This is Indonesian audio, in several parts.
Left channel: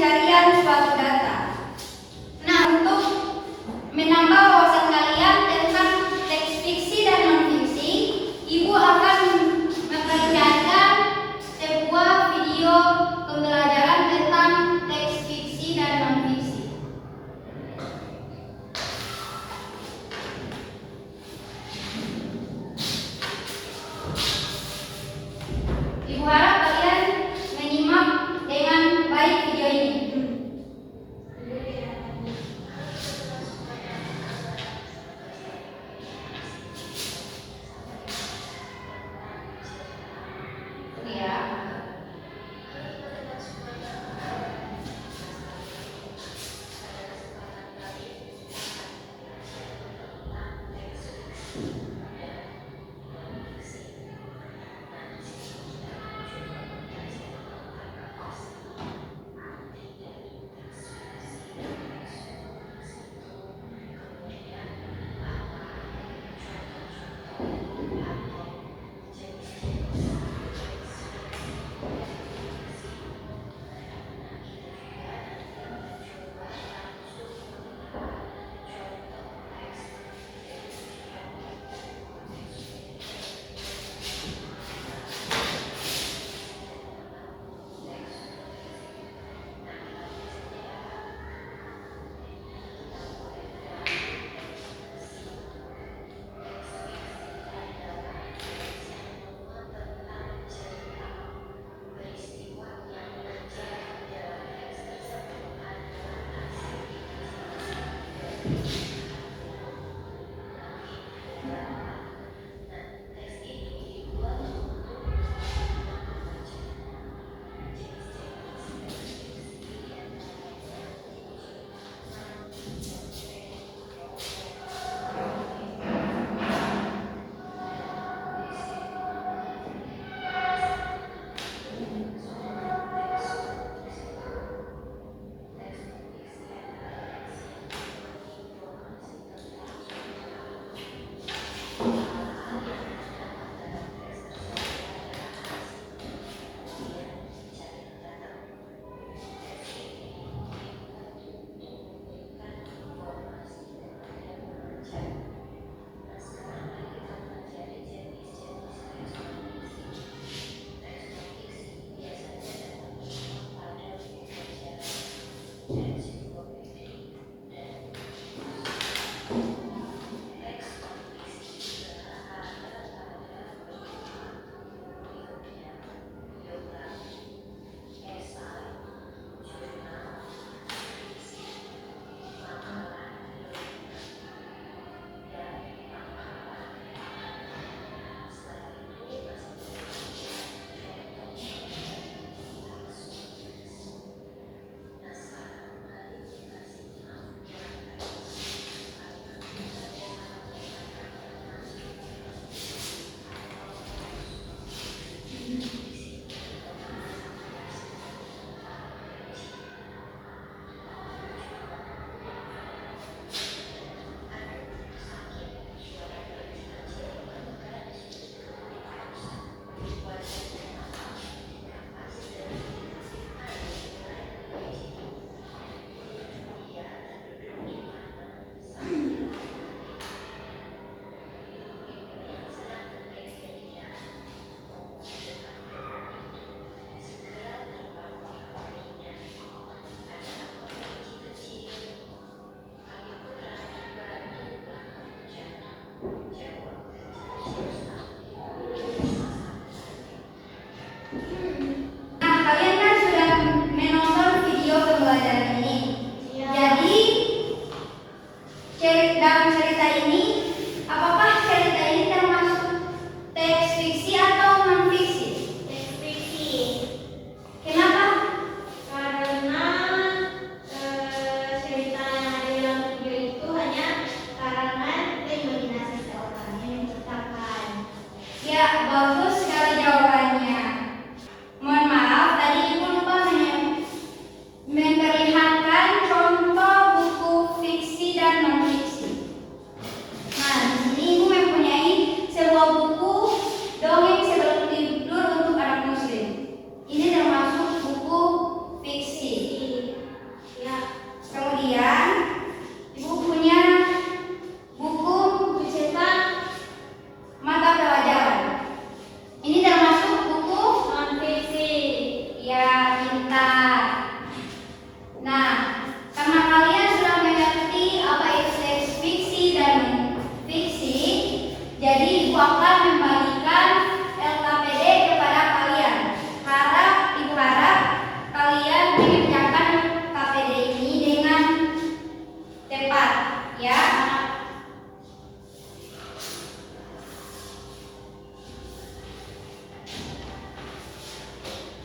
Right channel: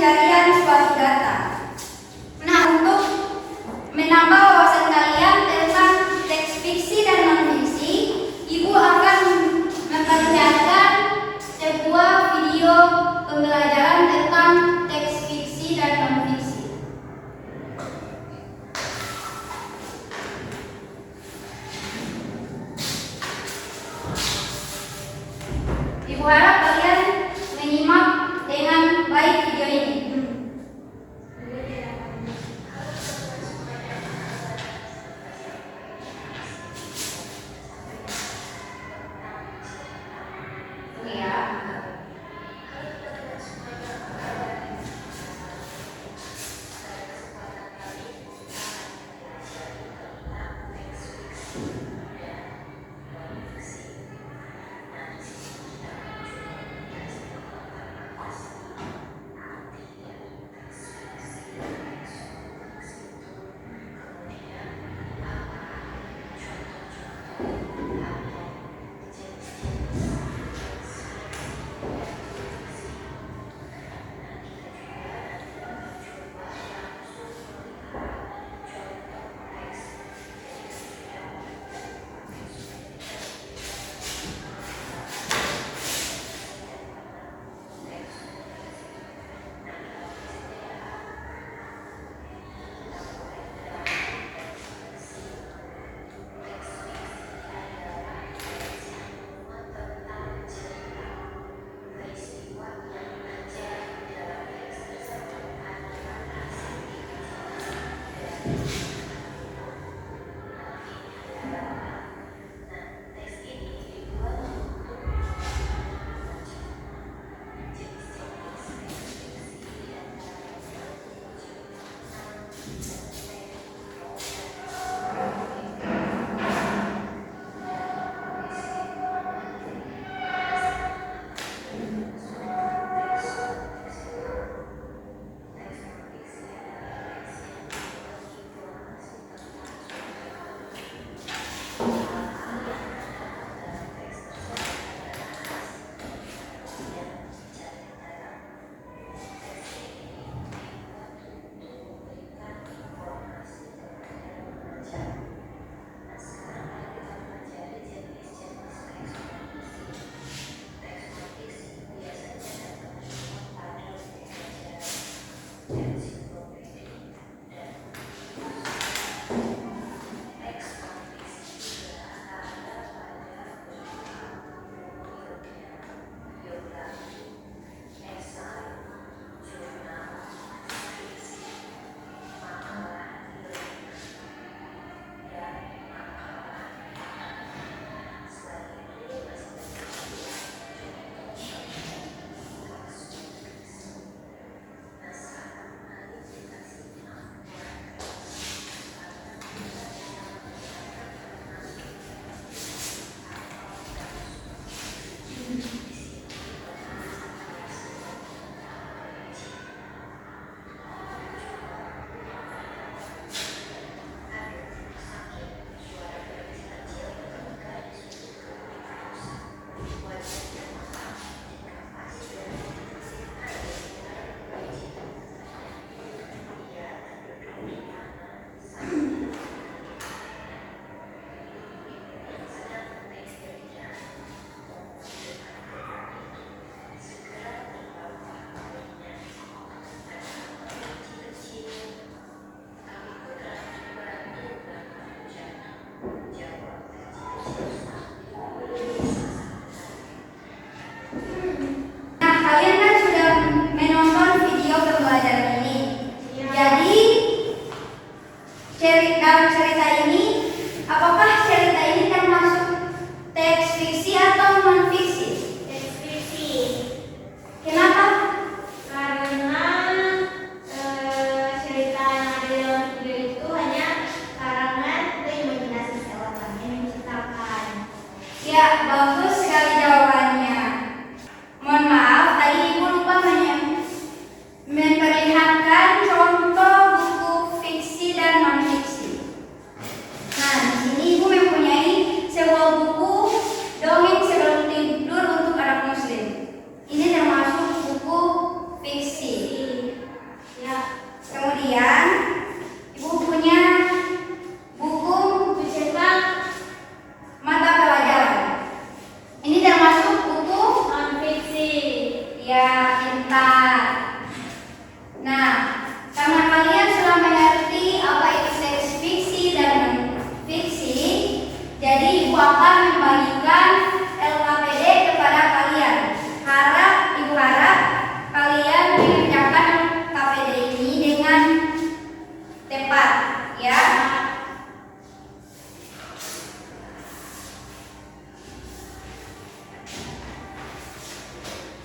pencarian suatu data. Nah, untuk menambah wawasan kalian tentang teks fiksi dan non-fiksi, Ibu akan memperlihatkan sebuah video pembelajaran tentang teks fiksi dan non-fiksi. Ibu harap kalian menyimak dengan baik video ini.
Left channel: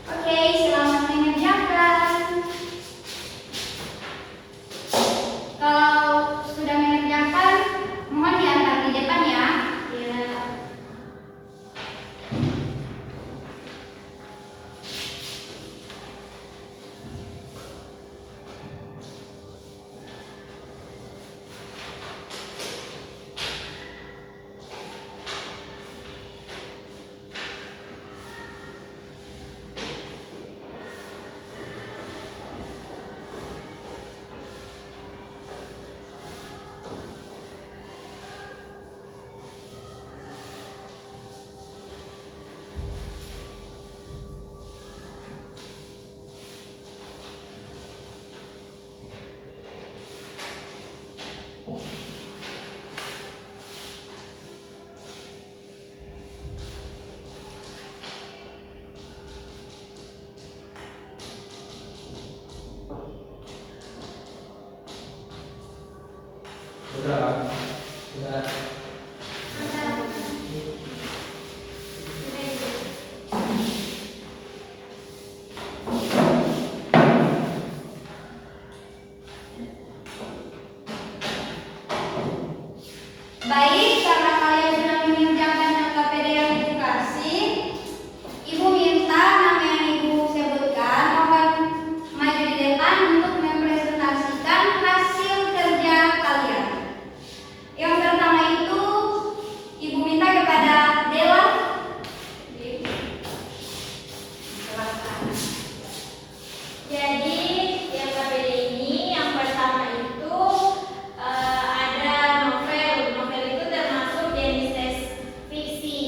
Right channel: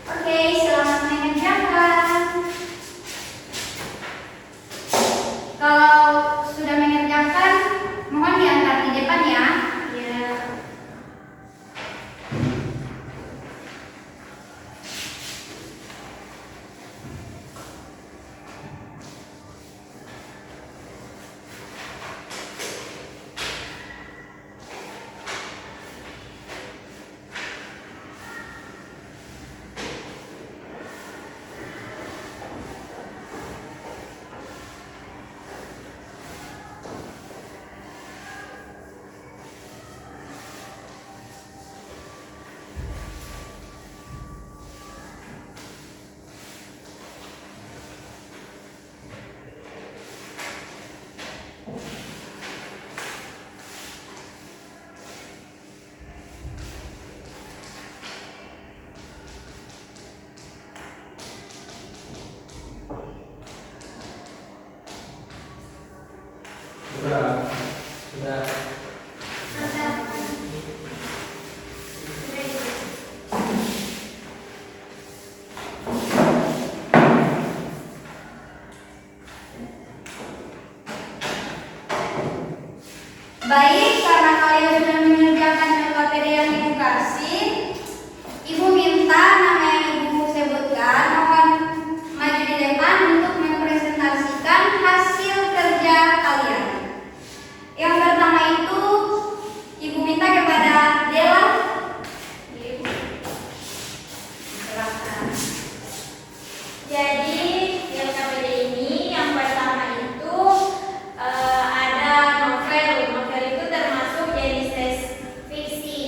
Oke, selamat mengerjakan. Kalau sudah mengerjakan, mohon diangkat di depan ya. Ya. Sudah. Baik, karena kalian sudah mengerjakan LKPD yang Ibu kasih, Ibu minta nama yang Ibu sebutkan, mohon maju di depan untuk mempresentasikan hasil kerja kalian. Yang pertama itu, Ibu minta kepada Dela. Ibu, silakan. Jadi di LKPD ini yang pertama itu ada novel. Novel itu termasuk jenis tes fiksi.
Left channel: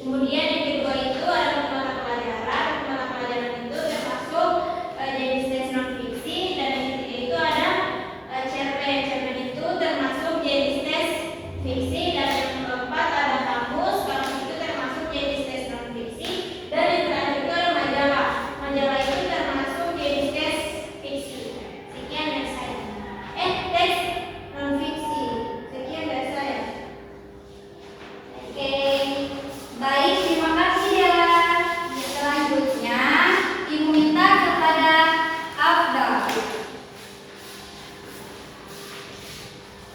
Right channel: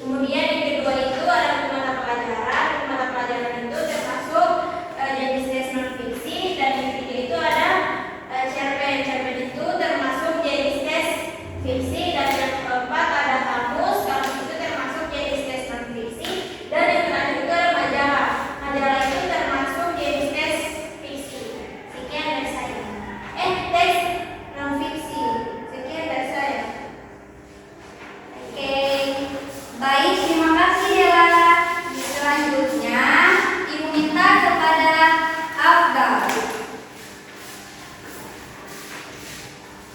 Kemudian yang kedua itu ada mata pelajaran. Mata pelajaran itu termasuk jenis tes non fiksi. Dan yang ketiga itu ada cerpen. Cerpen itu termasuk jenis tes fiksi. Dan yang keempat ada kamus. Kamus itu termasuk jenis tes non fiksi. Dan yang terakhir itu ada majalah. Majalah itu termasuk jenis tes fiksi. Sekian dari saya. Tes non fiksi. Sekian dari saya. Oke, baik, terima kasih Dela. Selanjutnya, Ibu minta kepada Abdal.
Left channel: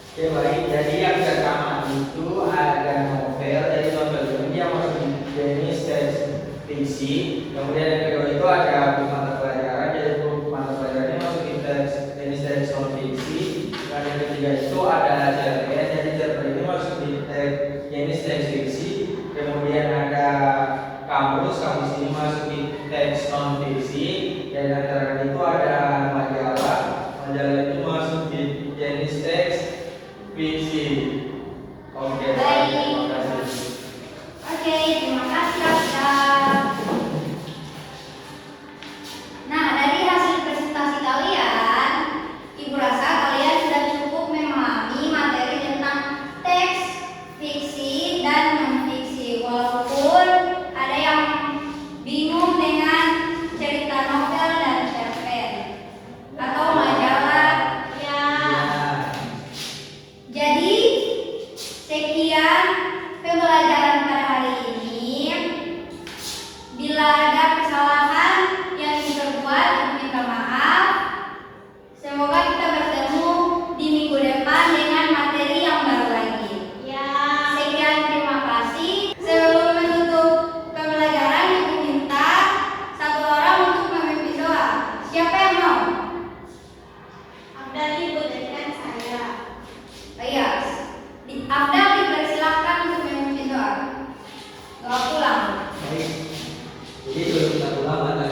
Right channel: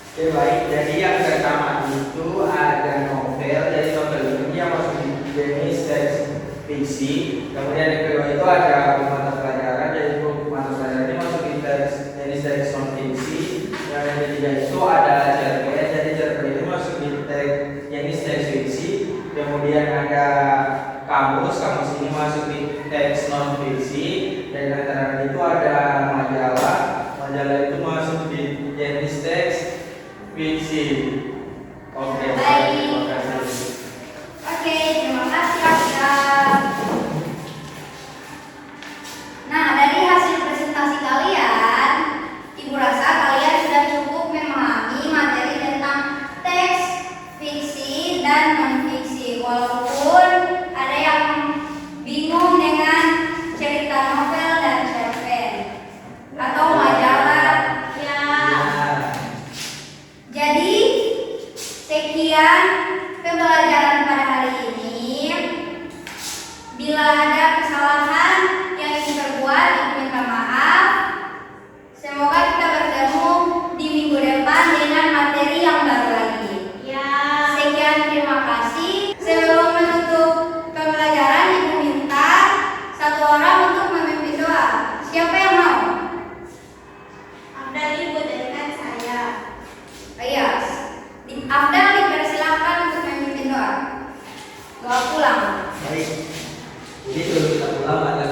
Oke, baik. Jadi yang pertama itu ada novel. Jadi novel ini yang masuk di jenis teks fiksi. Kemudian yang kedua itu ada mata pelajaran. Jadi mata pelajaran ini masuk di jenis teks non fiksi. Yang ketiga itu ada cerpen. Jadi cerpen ini masuk di jenis teks fiksi. Kemudian ada kamus. Kamus ini masuk di teks non fiksi. Dan yang terakhir itu ada majalah. Majalah itu masuk di jenis teks fiksi. Oke, Baik. terima kasih. Oke, terima kasih Abdal. Nah, dari hasil presentasi kalian, Ibu rasa kalian sudah cukup memahami materi tentang teks fiksi dan non-fiksi. Walaupun ada yang bingung dengan cerita novel dan cerpen atau majalah. Ya. Jadi, sekian pembelajaran pada hari ini. Bila ada kesalahan yang ingin berbuat, Ibu minta maaf. Semoga kita bertemu di minggu depan dengan materi yang baru lagi. Ya. Sekian, terima kasih. Sebelum menutup pembelajaran, Ibu minta satu orang untuk memimpin doa. Siapa yang mau? Abdal Ibu jadikan saya. Oh iya, Abdal dipersilakan untuk memimpin doa. Doa pulang. Baik. Jadi sebelum kita pulang ada